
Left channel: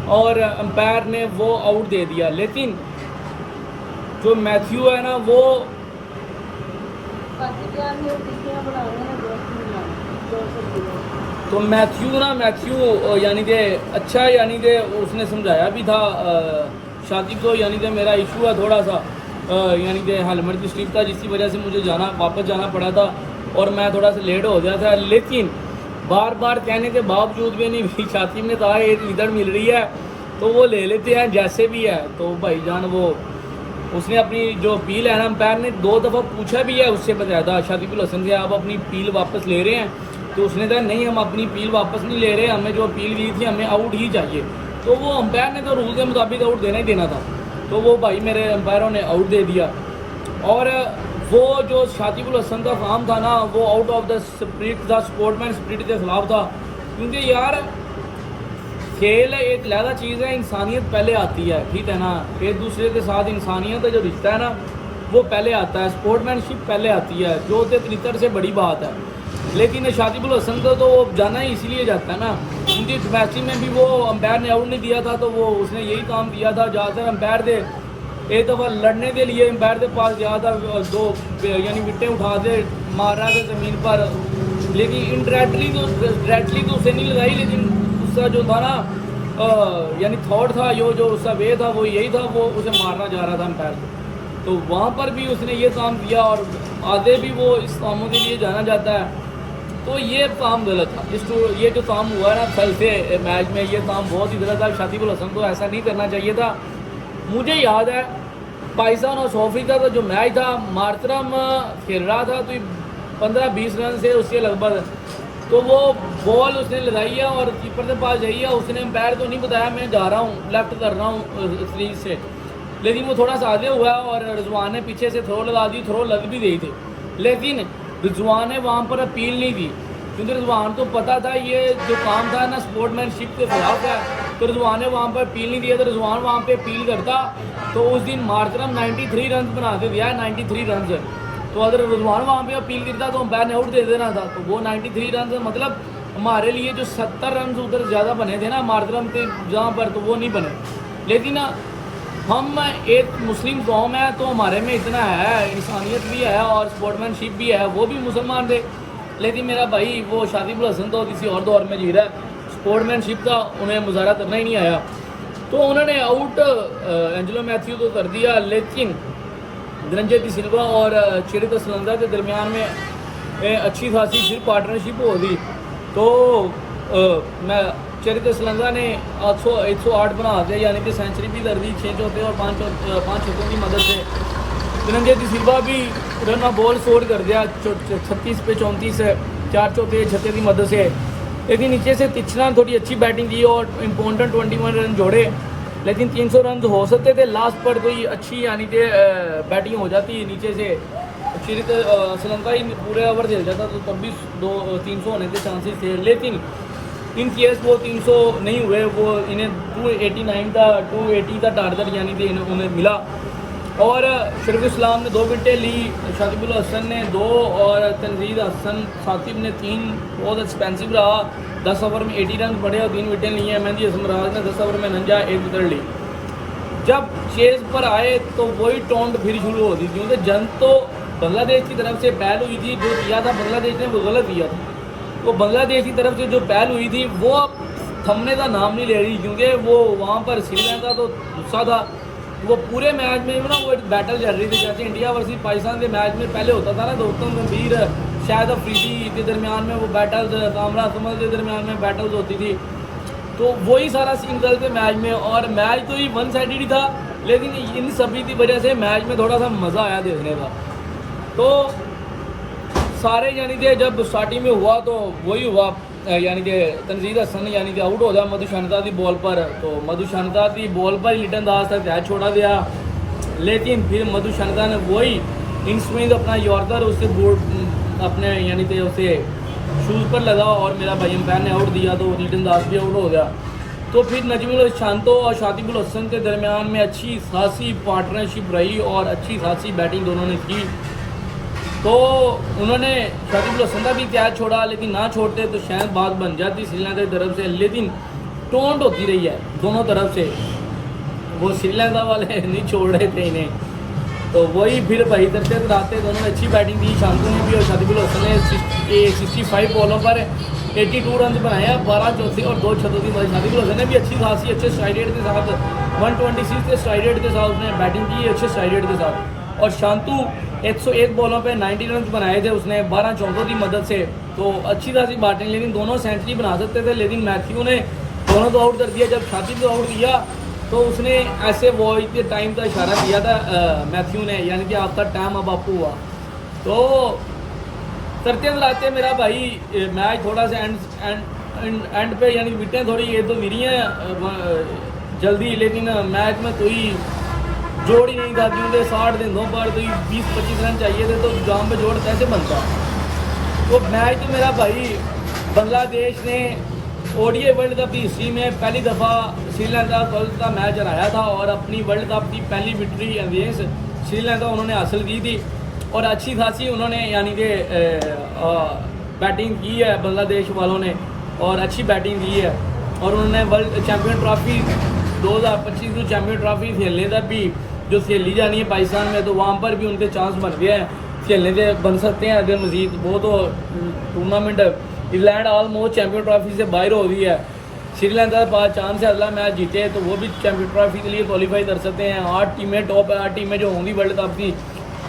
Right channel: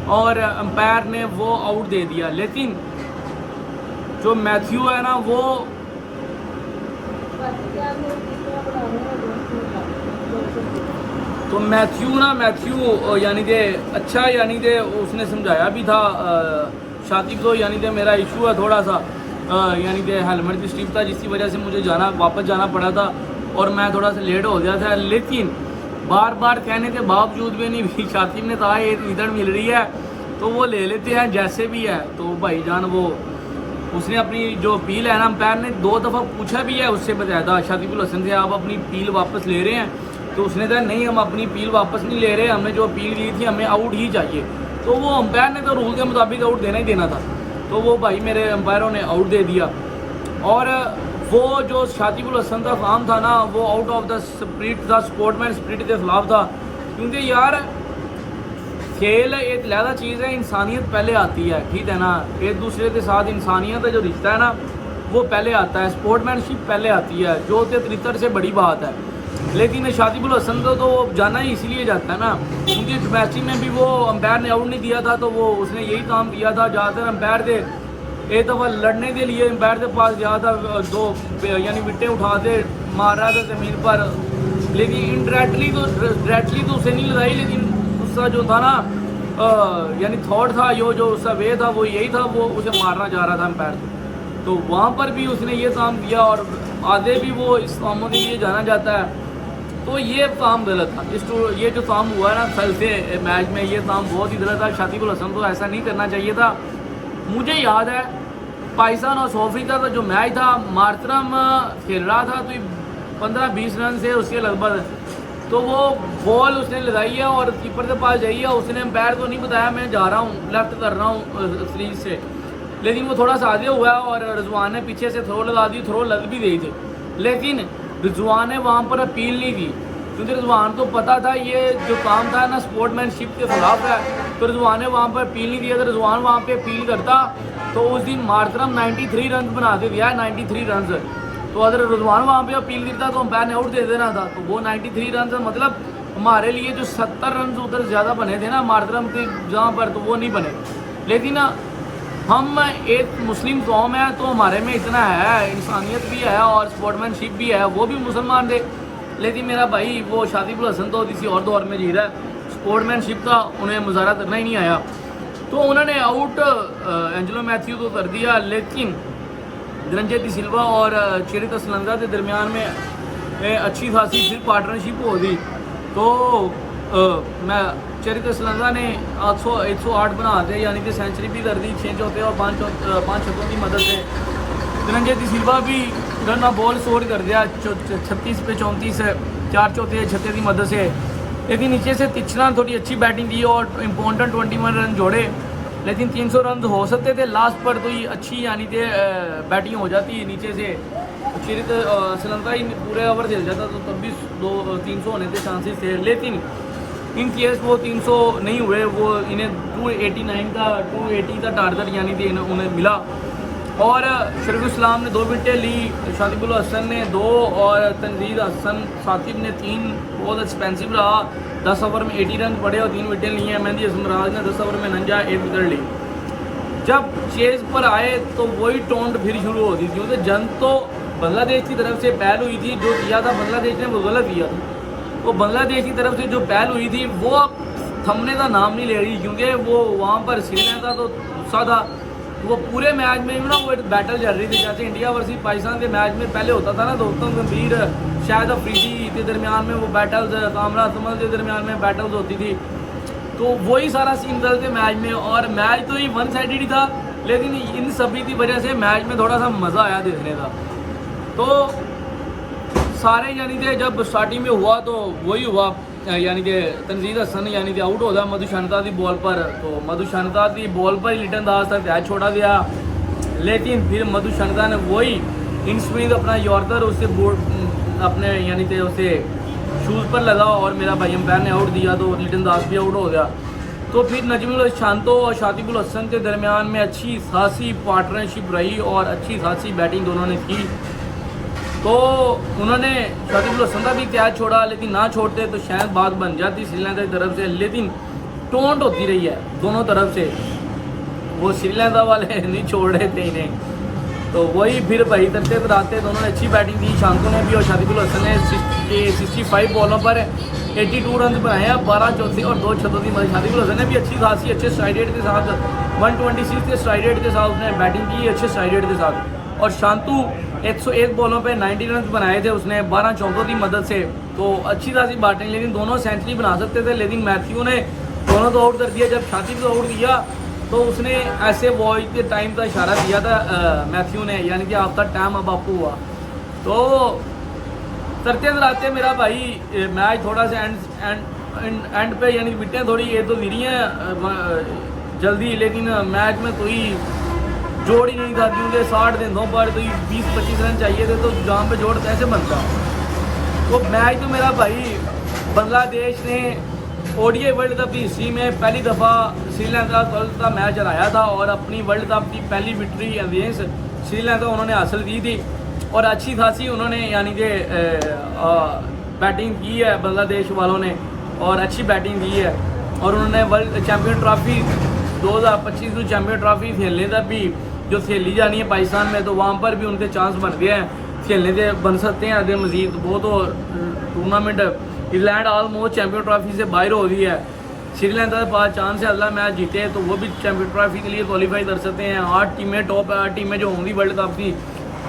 और अंपायर ने वो आउट दे दिया। लेकिन जो मैथ्यू है ना वो तो मैथ्यू यानी कि अच्छा, यानी कि उसने समझाया भी था शातिब को, यानी कि मेरा इशू है थोड़ा सा, यानी कि हेलमेट की स्ट्रिप था जिसकी वजह से मुझे वापस जाना पड़ा था और मैं थोड़ा सा लेट हो गया था। लेकिन बार बार कहने के बावजूद भी नहीं, शातिब ने कहा एक विकेट मिल रही है तो वो ले लेते हैं जैसे भी है। तो भाईजान वो उसने अपनी जो अपील है ना, अंपायर ने 2 दफ़ा पूछा भी है उससे, बताया था शातिबुल हसन से आप अपनी अपील वापस ले रहे हैं, तो उसने कहा नहीं हम अपनी अपील वापस नहीं ले रहे, हमें जो अपील की थी हमें आउट ही चाहिए। तो वो अंपायर ने तो रूल के मुताबिक आउट देना ही देना था, तो वो भाई मेरे अंपायरों ने आउट दे दिया। और वो जो शातिबुल हसन का काम था ना वो आउट ऑफ द स्पिरिट था, स्पोर्टमैन स्पिरिट के खिलाफ था। क्योंकि यार खेल एक लहदा चीज़ है, इंसानियत पहले आती है, ठीक है ना, एक दूसरे के साथ इंसानियत का जो रिश्ता है ना वो पहले आता है, स्पोर्टमैनशिप पहले आती है, जो क्रिकेट से बड़ी बात है। लेकिन शातिबुल हसन को तो वो जाना ही इसलिए जाता है ना, क्योंकि डोमेस्टिक में भी वो अंपायर ने आउट नहीं दिया था, तो वो उसने यही काम किया था। ज़्यादातर अंपायर के एक दफ़ा लड़ने के लिए अंपायर के पास गया था, 2 यानी विकेटें उठा दे मार रहा था ज़मीन पर, लेकिन इनडायरेक्टली तो उसे नहीं लगाई, लेकिन उसका जो था ना यानी थॉट था, जो उसका वे था वो यही था, वो उसे मारना जा रहा था अंपायर को। तो वहाँ पर भी उसने ये काम किया और आगे भी वो इस कामों के लिए जाना जाता है। तो ये काम गलत था, ये जो काम हुआ ना कल से मैच में, ये काम बहुत ही गलत था। शातिबुल हसन को ऐसा नहीं करना चाहिए था। मुझे याद है पाकिस्तान और साउथ अफ्रीका का जो मैच था, मार्तरम खेल रहा था तो 15-20 रन से उसके लगभग, तो वो बॉल उसने लगाई है और कीपर के पास जाइए, उसने एम्पायर को नहीं बताया मैं जा रहा हूँ, लेफ्ट कर रहा हूँ सीरीज से, लेकिन वो थोड़ा सा आगे हुआ और रिजवान ने पीछे से थ्रो लगा दी, थ्रो लग भी गई थी, लेकिन रिजवान ने वहाँ पर अपील नहीं की, क्योंकि रिजवान को पता था ये जो काम था ना स्पोर्ट्समैनशिप के खिलाफ है, तो रिजवान ने वहाँ पर अपील नहीं दिया। तो रिजवान वहाँ पे अपील करता तो उस दिन मार्तरम 93 रन बना के दिया, 93 रन। तो अगर रिजवान वहाँ पे अपील करता तो अंपायर ने आउट दे देना था, तो वो 93 रन मतलब हमारे लिए जो 70 रन उधर ज़्यादा बने थे ना मार्तरम के जहाँ पर, तो वो नहीं बने। लेकिन हम एक मुस्लिम कौम है तो हमारे में इतना है, इंसानियत भी है और स्पोर्ट्समैनशिप भी है, वो भी मुसलमान थे, लेकिन मेरा भाई वो शादिबुल हसन तो किसी और दौर में जी रहा है, स्पोर्ट्समैनशिप का उन्हें मुजाहरा करना ही नहीं आया, तो उन्होंने आउट एंजेलो मैथ्यू को कर दिया। लेकिन धनंजय डी सिल्वा और चेरित असलंजा के दरमियान में अच्छी खासी फिर पार्टनरशिप हो गई, तो मैं चेरित असलंजा ने 108 बना दिया, यानी कि सेंचुरी भी कर दी 6 चौथे और 5 छक्कों की मदद से। धनंजय डी सिल्वा भी रन बॉल स्कोर कर दिया 36 पे 34 है, 4 चौथे छक्के की मदद से। लेकिन नीचे से तिचना थोड़ी अच्छी बैटिंग की और इम्पोर्टेंट 21 रन जोड़े, लेकिन 300 रन हो सकते थे लास्ट पर, तो ये अच्छी यानी कि बैटिंग हो जाती नीचे से, चिरित असलंजा ही पूरे ओवर खेल जाता तो तब भी 300 होने के चांसेस थे, लेकिन इन केस वो 300 नहीं हुए, वो इन्हें 280 का टारगेट यानी कि उन्हें मिला। और शरीफ इस्लाम ने 2 विकेटें ली, शादिबुल हसन ने 2 और तनजीद हसन सातिब ने 3, बहुत एक्सपेंसिव रहा, 10 ओवर में 80 रन पड़े और 3 विकेटें ली हैं। मेहदी असमराज ने 10 ओवर में 1 विकेट ली। जब चेज पर आए तो वही टोंट फिर शुरू हो गई, क्योंकि जंग तो बांग्लादेश की तरफ से पहल हुई थी, जो किया था बांग्लादेश ने वो गलत किया था, तो बांग्लादेश की तरफ से जो पहल हुई थी वो थमने का नाम नहीं ले रही, क्योंकि वो वहाँ पर श्रीलंका तो गुस्सा था, वो पूरे मैच में ना वो एक बैटल चल रही थी, जैसे इंडिया वर्सेस पाकिस्तान के मैच में पहले होता था ना, गौतम गंभीर शायद अफरीदी के दरमियान में वो बैटल्स, कामरा अजमल के दरमियान में बैटल्स होती थी, तो वही सारा सीन चलते मैच में। और मैच तो ही 1 साइडेड ही था, लेकिन इन सभी की वजह से मैच में थोड़ा सा मज़ा आया देखने का। तो सारे यानी कि जब स्टार्टिंग में हुआ तो वही हुआ, यानी कि तनजीद हसन यानी कि आउट हो गया मधु शनता की बॉल पर, तो मधु शनता की बॉल पर ही लिटन दास तक कैच छोड़ा गया, लेकिन फिर मधु शनता ने वही इन स्विंग अपना यॉर्कर उसके बोर्ड अपने यानी कि उसे शूज़ पर लगा और मेरा भाई अंपायर ने आउट दिया, तो लिटन दास भी आउट हो गया। तो फिर नजमुल शांतो और शातिबुल हसन के दरमियान में अच्छी खासी पार्टनरशिप रही और अच्छी खासी बैटिंग दोनों ने की, तो उन्होंने शातिबुल हसन का भी कैच छोड़ा, लेकिन ना छोड़ते तो शायद बात बन जाती श्रीलंका की तरफ से, लेकिन टोंट होती रही है दोनों तरफ से, वो श्रीलंका वाले नहीं छोड़ रहे थे इन्हें, तो वही फिर भाई तरते तराते दोनों ने अच्छी बैटिंग दी, शांतु ने भी और शातिबुल हसन ने 65 बॉलों पर 82 रन बनाए, 12 चौथे और 2 छक्कों की मदद। शातिबुल हसन ने भी अच्छी खासी अच्छे स्ट्राइक रेट के साथ 126 के स्ट्राइक रेट के साथ उसने बैटिंग की अच्छे स्ट्राइक रेट के साथ, और शांतु 101 बॉलों पे 90 रन बनाए थे उसने 12 चौकों की मदद से, तो अच्छी खासी बैटिंग, लेकिन दोनों सेंचुरी बना सकते थे, लेकिन मैथ्यू ने दोनों को आउट कर दिया। जब शातिब को आउट दिया तो उसने ऐसे वॉच के टाइम का इशारा दिया था मैथ्यू ने, यानी कि आपका टाइम अब आपको हुआ। तो तरते तराते मेरा भाई मैच थोड़ा सा एंड पे यानी विकेटें थोड़ी ये तो गिरी हैं जल्दी, लेकिन मैच में कोई जोड़ ही नहीं था, क्योंकि 60 गेंदों पर तो 20-25 रन चाहिए थे, तो जाम पे जोड़ कैसे बनता। तो मैच तो मेरा भाई बांग्लादेश ने ओडीआई वर्ल्ड कप की हिस्ट्री में पहली दफ़ा श्रीलंका का मैच हराया था और अपनी वर्ल्ड कप की पहली विक्ट्री अगेंस्ट श्रीलंका उन्होंने हासिल की थी, और अच्छी खासी उन्होंने यानी कि बैटिंग की है बांग्लादेश वालों ने, और अच्छी बैटिंग की है, और उन्होंने वर्ल्ड चैम्पियन ट्रॉफी 2025 जो चैम्पियन ट्रॉफी खेलने तक भी जो खेली जानी है पाकिस्तान में, तो वहाँ पर भी उनके चांस बन गए हैं, खेलने के बन सकते हैं आगे मजीद। वो तो tournament England almost champion trophy से बाहर हो गई है, श्रीलंका के पास चांस है अगला मैच जीते तो वो भी चैम्पियन ट्रॉफी के लिए क्वालिफाई कर सकते हैं। 8 टीमें टॉप 8 टीमें जो होंगी वर्ल्ड कप की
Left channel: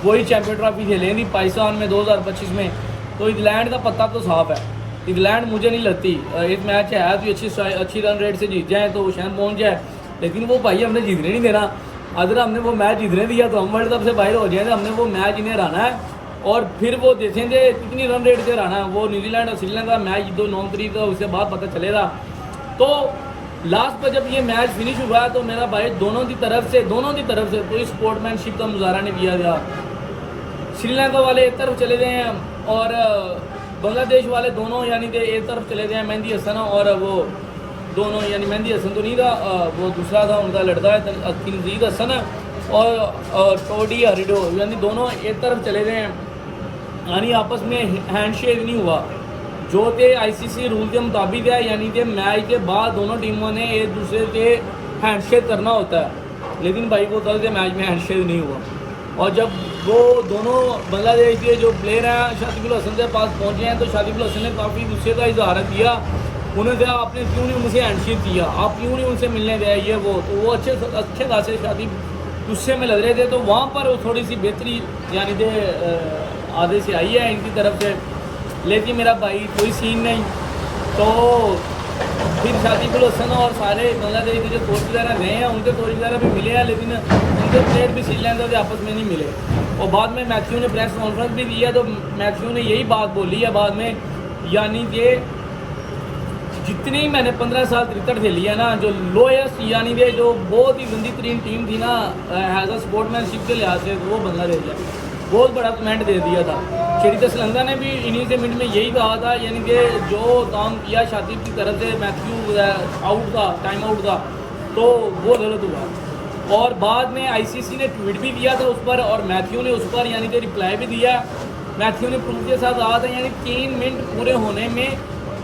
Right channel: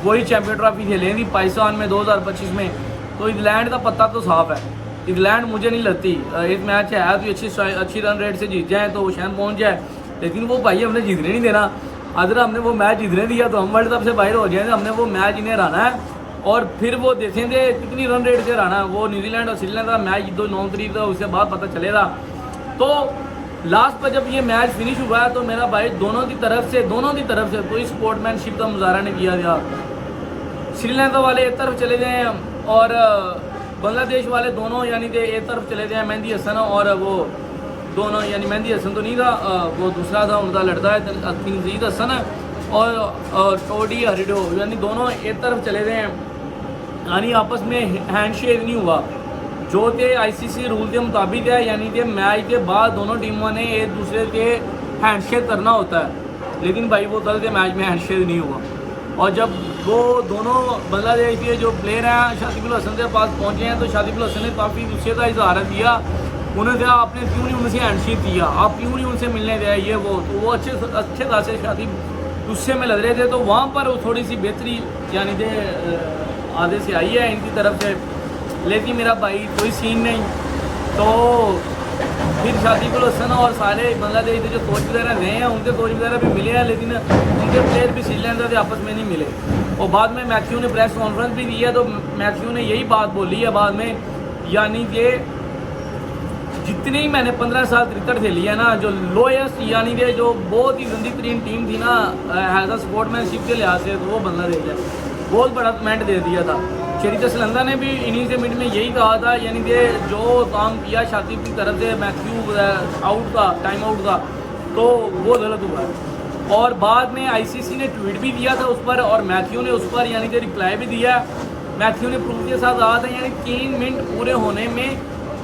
वही चैम्पियन ट्रॉफी खेलेंगी पाकिस्तान में 2025 में। तो इंग्लैंड का पत्ता तो साफ है, इंग्लैंड मुझे नहीं लगती एक मैच है तो अच्छी रन रेट से जीत जाए तो शायद पहुँच जाए, लेकिन वो भाई हमने जीतने नहीं देना, अगर हमने वो मैच जीतने दिया तो हम वर्ल्ड कप से बाहर हो जाएंगे। हमने वो मैच इन्हें हराना है और फिर वो देखेंगे कितनी रन रेट से हराना है। वो न्यूजीलैंड और श्रीलंका का मैच 9 तारीख का, उसके बाद पता चलेगा। तो लास्ट पर जब ये मैच फिनिश हुआ है तो मेरा भाई दोनों की तरफ से कोई स्पोर्टमैनशिप का मुजाहरा नहीं किया गया। श्रीलंका वाले एक तरफ चले गए हैं और बांग्लादेश वाले दोनों यानी कि एक तरफ चले गए हैं। मेहंदी हसन और वो दोनों, यानी मेहंदी हसन तो नहीं था, वो दूसरा था, उनका लड़का है तनजीद हसन और टोडी हरिडो, यानी दोनों एक तरफ चले गए हैं। यानी आपस में हैंडशेक नहीं हुआ जो थे आईसीसी रूल के मुताबिक है, यानी कि मैच के बाद दोनों टीमों ने एक दूसरे के हैंडशेक करना होता है। लेकिन भाई वो कल के मैच में हैंडशेक नहीं हुआ। और जब वो दोनों बांग्लादेश के जो प्लेयर हैं शातिब अल हसन के पास पहुंचे हैं तो शातिब अल हसन ने काफ़ी गुस्से का इजहार किया। उन्होंने कहा आपने क्यों नहीं उनसे हैंडशेक किया, आप क्यों नहीं उनसे मिलने गए, ये वो। तो वो अच्छे खासे शातिब गुस्से में लग रहे थे। तो वहाँ पर वो थोड़ी सी बेहतरी यानी कि आधे से आई है इनकी तरफ से। लेकिन मेरा भाई कोई सीन नहीं। तो फिर शातिब अल हसन और सारे बांग्लादेश के जो कोच वगैरह गए हैं उनके कोच वगैरह भी मिले हैं, लेकिन उनके प्लेयर भी श्रीलंका के आपस में नहीं मिले। और बाद में मैथ्यू ने प्रेस कॉन्फ्रेंस भी दी है तो मैथ्यू ने यही बात बोली है बाद में, यानी कि जितनी ही मैंने 15 साल क्रिकेट खेली है ना, जो लोएस्ट यानी कि जो बहुत ही गंदी तरीन टीम थी ना एज अ स्पोर्ट्समैनशिप के लिहाज से, तो वो बांग्लादेश है। बहुत बड़ा कमेंट दे दिया था। शरीत श्रीलंका ने भी इन्हीं से मिनट में यही कहा था, यानी कि जो काम किया शातिब की तरफ से मैथ्यू आउट था, टाइम आउट था, तो वो गलत हुआ है। और बाद में आईसीसी ने ट्वीट भी दिया था उस पर और मैथ्यू ने उस पर यानी कि रिप्लाई भी दिया। मैथ्यू ने प्रूफ के साथ कहा था यानी 3 मिनट पूरे होने में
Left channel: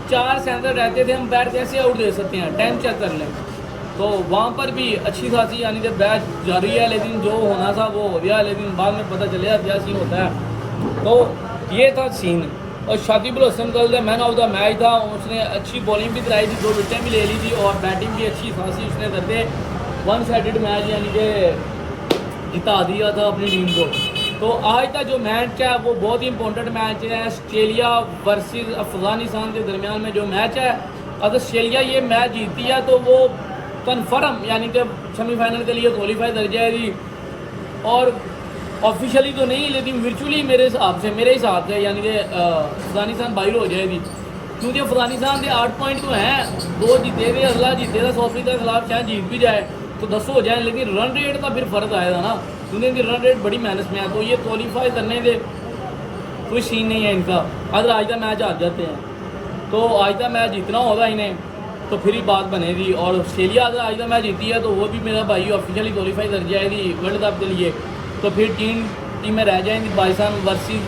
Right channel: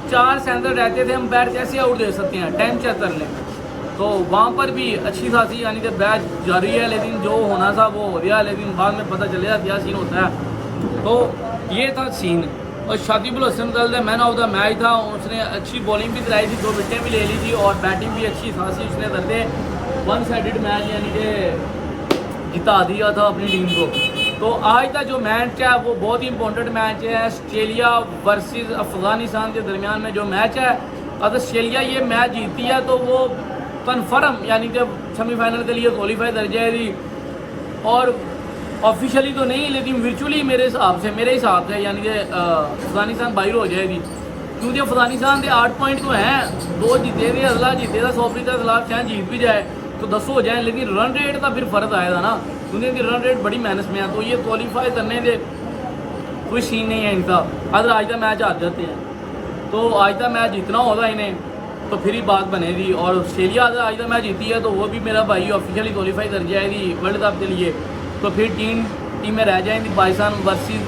4 सेंटर रहते थे, अंपायर कैसे आउट दे सकते हैं, टाइम चेक कर लें। तो वहाँ पर भी अच्छी खासी यानी कि बैच जारी है, लेकिन जो होना था वो हो गया। लेकिन बाद में पता चलेगा क्या सीन होता है। तो ये था सीन। और शातिब अल हसन कल मैन ऑफ द मैच था। उसने अच्छी बॉलिंग भी कराई थी, 2 विकेटें भी ले ली थी और बैटिंग भी अच्छी खासी उसने करके 1 साइडेड मैच यानी कि जिता दिया था अपनी टीम को। तो आज का जो मैच है वो बहुत ही इंपॉर्टेंट मैच है। ऑस्ट्रेलिया वर्सेस अफगानिस्तान के दरमियान में जो मैच है, अगर ऑस्ट्रेलिया ये मैच जीतती है तो वो कन्फर्म यानी कि सेमीफाइनल के लिए क्वालिफाई कर जाएगी। और ऑफिशियली तो नहीं, लेकिन वर्चुअली मेरे हिसाब से यानी कि अफगानिस्तान बाहर हो जाएगी। क्योंकि अफगानिस्तान के 8 पॉइंट तो हैं, 2 जीते थे, अगला जीते था साउथ अफ्रीका के खिलाफ, शायद जीत भी जाए तो 10 हो जाए। लेकिन रन रेट का फिर फर्क आएगा ना, क्योंकि इनकी रन रेट बड़ी मेहनत में है। तो ये क्वालिफाई करने के कोई सीन नहीं है इनका। अगर आज का मैच हार जाते हैं तो आज का मैच जीतना होगा इन्हें, तो फिर ही बात बनेगी। और ऑस्ट्रेलिया अगर आज का मैच जीती है तो वो भी मेरा भाई ऑफिशियली क्वालिफाई कर जाएगी वर्ल्ड कप के लिए। तो फिर 3 टीमें रह जाएंगी, Pakistan versus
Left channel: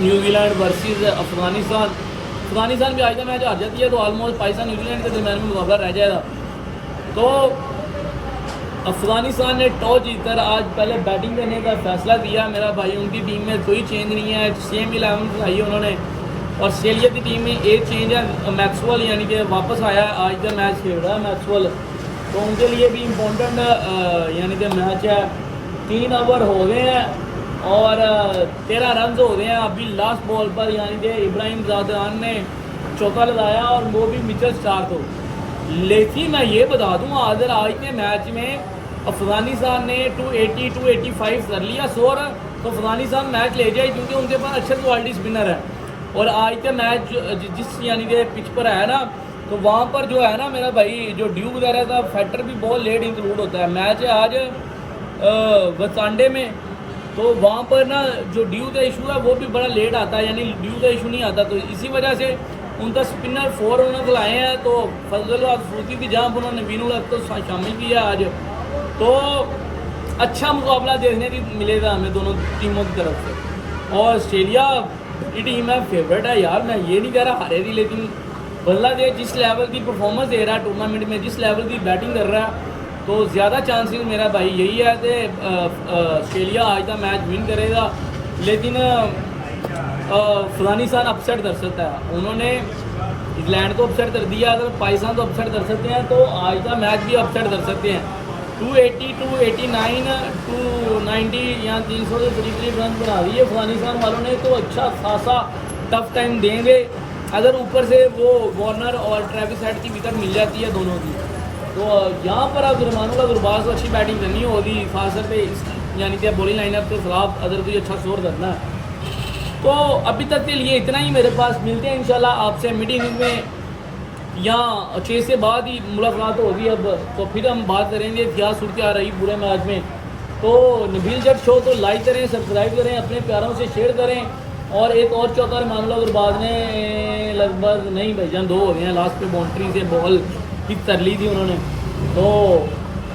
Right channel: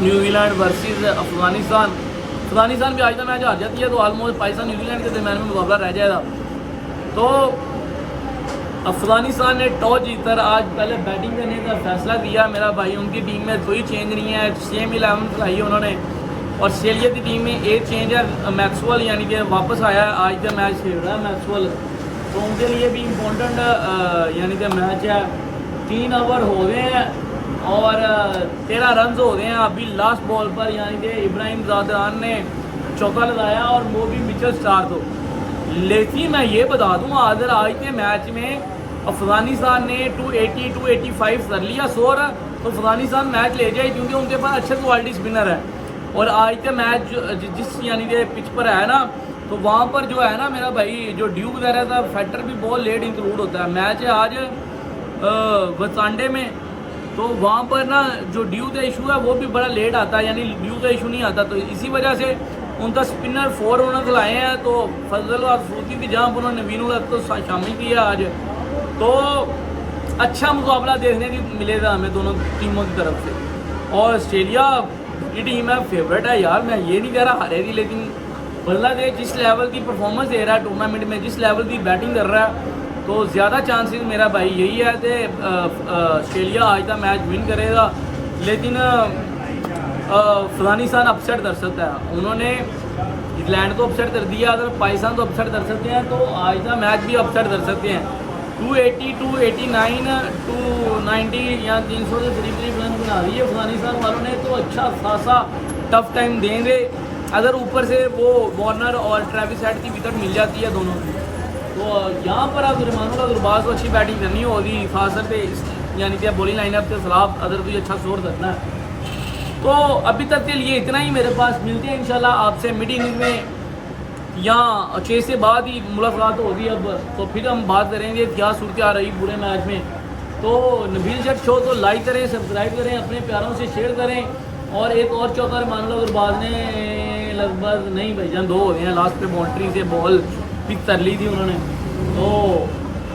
New Zealand versus Afghanistan भी आज का मैच हार जाती है तो ऑलमोस्ट पाकिस्तान न्यूजीलैंड के दरमियान में मुकाबला रह जाएगा। तो अफगानिस्तान ने टॉस जीतकर आज पहले बैटिंग करने का फैसला किया। मेरा भाई उनकी टीम में कोई चेंज नहीं है, सेम 11 लाई है उन्होंने। और ऑस्ट्रेलिया की टीम में एक चेंज है, मैक्सवेल यानी कि वापस आया है, आज का मैच खेल रहा है मैक्सवेल। तो उनके लिए भी इम्पोर्टेंट यानी कि मैच है। 3 ओवर हो गए हैं और 13 रन हो गए हैं अभी लास्ट बॉल पर, यानी कि इब्राहिम ज़ादरान ने चौका लगाया और वो भी मिचेल स्टार्क हो। लेकिन मैं ये बता दूँ अगर आज के मैच में अफगानिस्तान ने 280-285 कर लिया 100 रन तो अफगानिस्तान मैच ले जाए, क्योंकि उनके पास अच्छे क्वालिटी स्पिनर है। और आज का मैच जिस यानी कि पिच पर है ना, तो वहाँ पर जो है ना मेरा भाई जो ड्यू वगैरह का फैक्टर भी बहुत लेट इंक्लूड होता है। मैच है आज वसांडे में, तो वहाँ पर ना जो ड्यू का इशू है वो भी बड़ा लेट आता है, यानी ड्यू का इशू नहीं आता। तो इसी वजह से उनका स्पिनर 4 उन्होंने खिलाए हैं। तो फजल सूफी की जहाँ उन्होंने नवीन तो शामिल किया आज। तो अच्छा मुकाबला देखने की मिलेगा हमें दोनों टीमों की तरफ से। और ऑस्ट्रेलिया की टीम है फेवरेट है यार, मैं ये नहीं कह रहा हारेगी, लेकिन बांग्लादेश जिस लेवल की परफॉर्मेंस दे रहा है टूर्नामेंट में, जिस लेवल की बैटिंग कर रहा है, तो ज़्यादा चांसेस मेरा भाई यही है कि ऑस्ट्रेलिया आज का मैच विन करेगा। लेकिन अफगानिस्तान अपसेट कर सकता है। उन्होंने इंग्लैंड को अपसेट कर दिया, अगर पाकिस्तान को अपसेट कर सकते हैं तो आज का मैच भी अपसेट कर सकते हैं। 280, 289, 290 या 300 से करीब रन बना दिए अफगानिस्तान वालों ने, तो अच्छा खासा टफ टाइम देंगे। अगर ऊपर से वो वार्नर और ट्रेविस हेड की विकेट मिल जाती है दोनों की, तो यहाँ पर अगर गुरबाज को अच्छी बैटिंग करनी होगी खासर पे यानी कि बॉलिंग लाइनअप के खिलाफ अगर कोई अच्छा स्कोर करना है तो अभी तक के लिए इतना ही मेरे पास। मिलते हैं इंशाल्लाह आपसे मिड इनिंग्स में या 6 से बाद ही मुलाकात होगी अब, तो फिर हम बात करेंगे क्या सूरत आ रही पूरे मैच में। तो नबील जट शो को लाइक करें, सब्सक्राइब करें, अपने प्यारों से शेयर करें। और एक और चौका मानुल्लाह गुरबाज ने लगभग नहीं भाईजान 2 हो गए हैं, लास्ट पे बाउंड्री से बॉल पिक कर ली थी उन्होंने, तो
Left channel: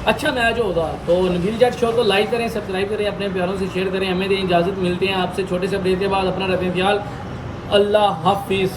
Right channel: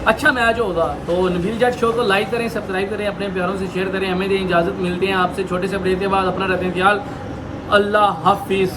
अच्छा मैच होगा। तो नबील जट शो को लाइक करें, सब्सक्राइब करें, अपने प्यारों से शेयर करें। हमें दें इजाज़त, मिलते हैं आपसे छोटे से ब्रेक के बाद। अपना रखें ख्याल, अल्लाह हाफिज़।